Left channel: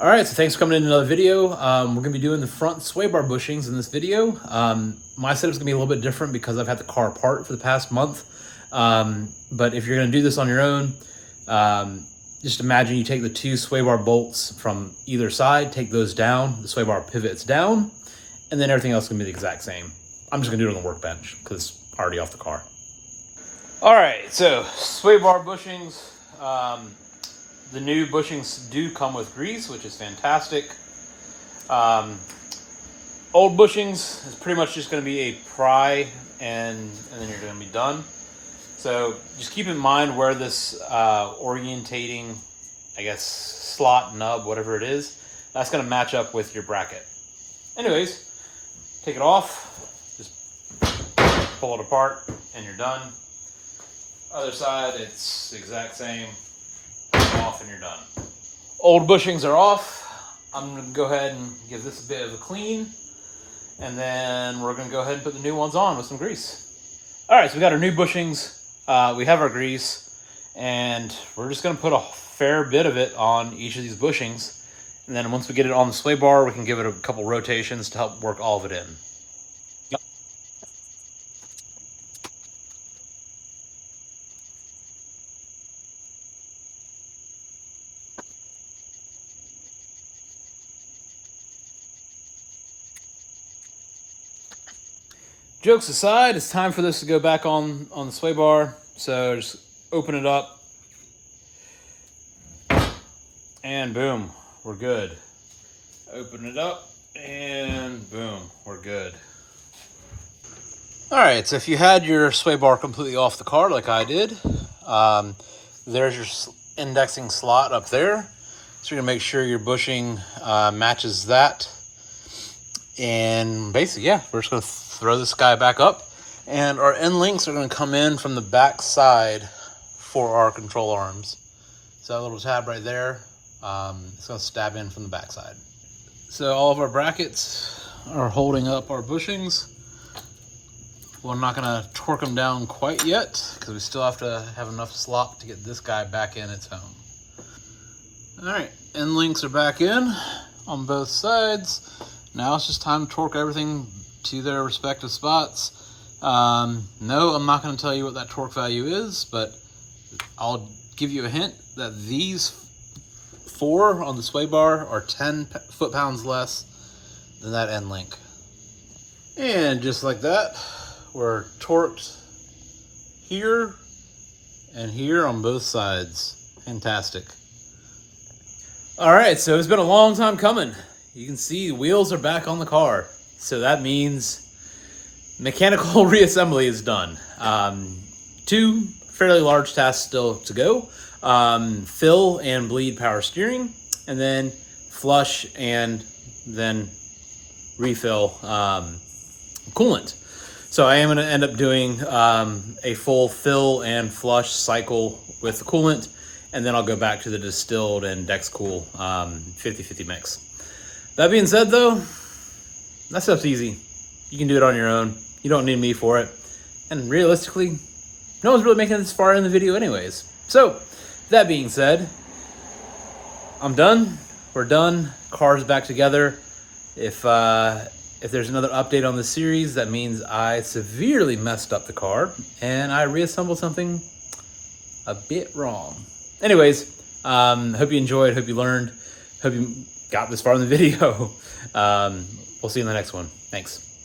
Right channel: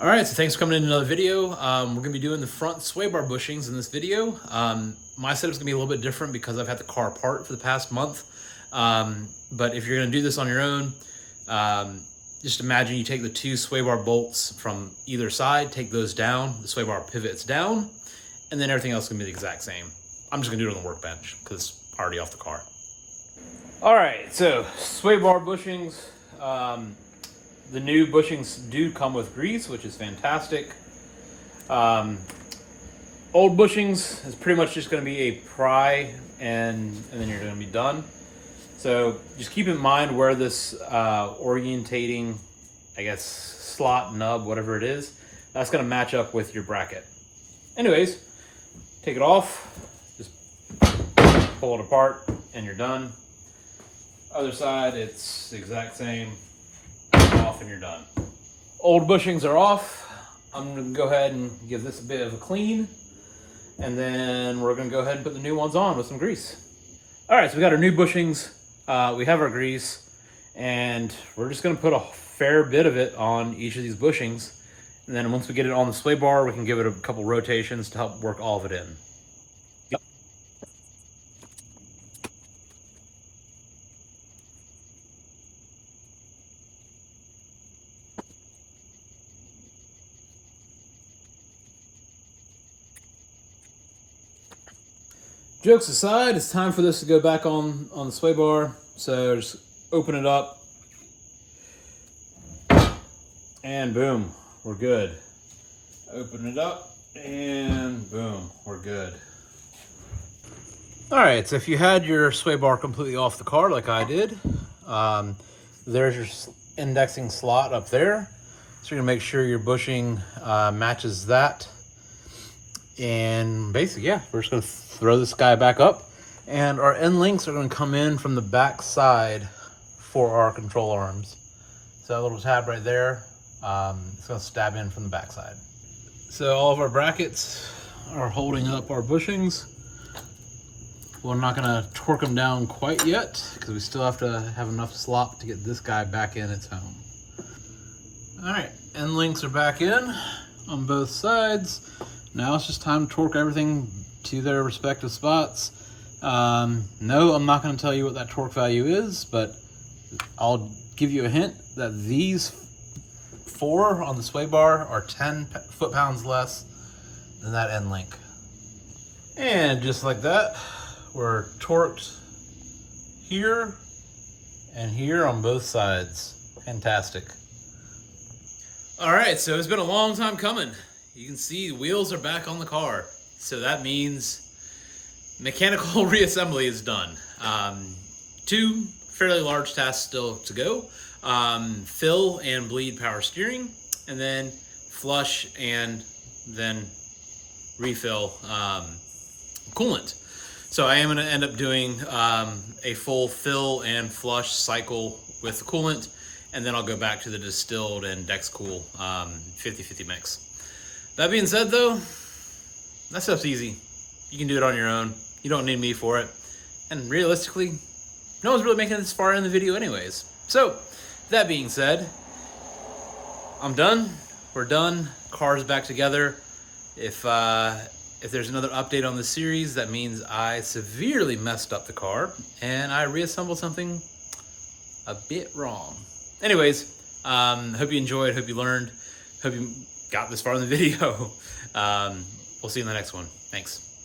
All right, so thanks for coming in another video. We're gonna be doing the front sway bar bushings in this video. My setup's gonna be a little bit different because I've had the car apart for the past month. But if you're gonna do this on your own, just imagine you take the two sway bar bolts from either side, take those down, the sway bar pivots down, and then everything else is gonna be the exact same. I'm just gonna do it on the workbench because it's already off the car. All right, so sway bar bushings. The new bushings do come with grease, which is fantastic. Old bushings is pretty much just going to be a pry and then you're going to be done. So just keep in mind where this orientating, I guess, slot, nub, whatever it is, that's going to match up with your bracket. Anyways, take it off, just pull it apart and you're done. Other side, it's the exact same. Off and you're done. Old bushings are off. I'm going to go ahead and give this a bit of a clean, and then we're going to go ahead and put the new ones on with some grease. All right, so we got our new bushings. We have our grease, and we're just going to put a fair bit of it on each of these bushings, and then once we get it on the sway bar, we can give it a couple rotations to help work all of it in. Jokes aside, it's time for this to go back on the sway bar. So just open it up. And boom, we're good. Open it up and boom, we're good. All right, so if you had your sway bar completely off the car like I did, there's your indexing slot up there. So you're gonna make sure your bushing matches that. And basically, yeah, we're just gonna throw this guy back up, and our end links are gonna come in from the back side for our control arms. So that little tab right there, it's gonna stab in from the back side. So all of our brackets are holding up our bushings. We're not gonna torque them down quite yet because we still have to have enough slop to get this guy back in its home. All right, end links are back in on both sides. Now it's just time to torque everything to their respective spots. No, I'm not going to tell you what that torque value is, but I'll give you a hint that these four on the sway bar are 10 foot-pounds less than that end link. And just like that, we're torqued here and here on both sides. Fantastic. All right, so it's been a long time coming. You can see the wheels are back on the car. So that means mechanical reassembly is done. Two fairly large tasks still to go. Fill and bleed power steering, and then flush and then refill coolant. So I am gonna end up doing a full fill and flush cycle with the coolant, and then I'll go back to the distilled and Dexcool 50-50 mix. That being said though, that stuff's easy. You can do it on your own. You don't need me for it. And realistically, no one's really making it this far in the video anyways. So, that being said, I'm done. We're done. Car's back together. If there's another update on this series, that means I severely messed up the car and I reassembled something a bit wrong. Anyways, hope you enjoyed, hope you learned, hope you got this far in the video. We'll see you in the next one. Thanks.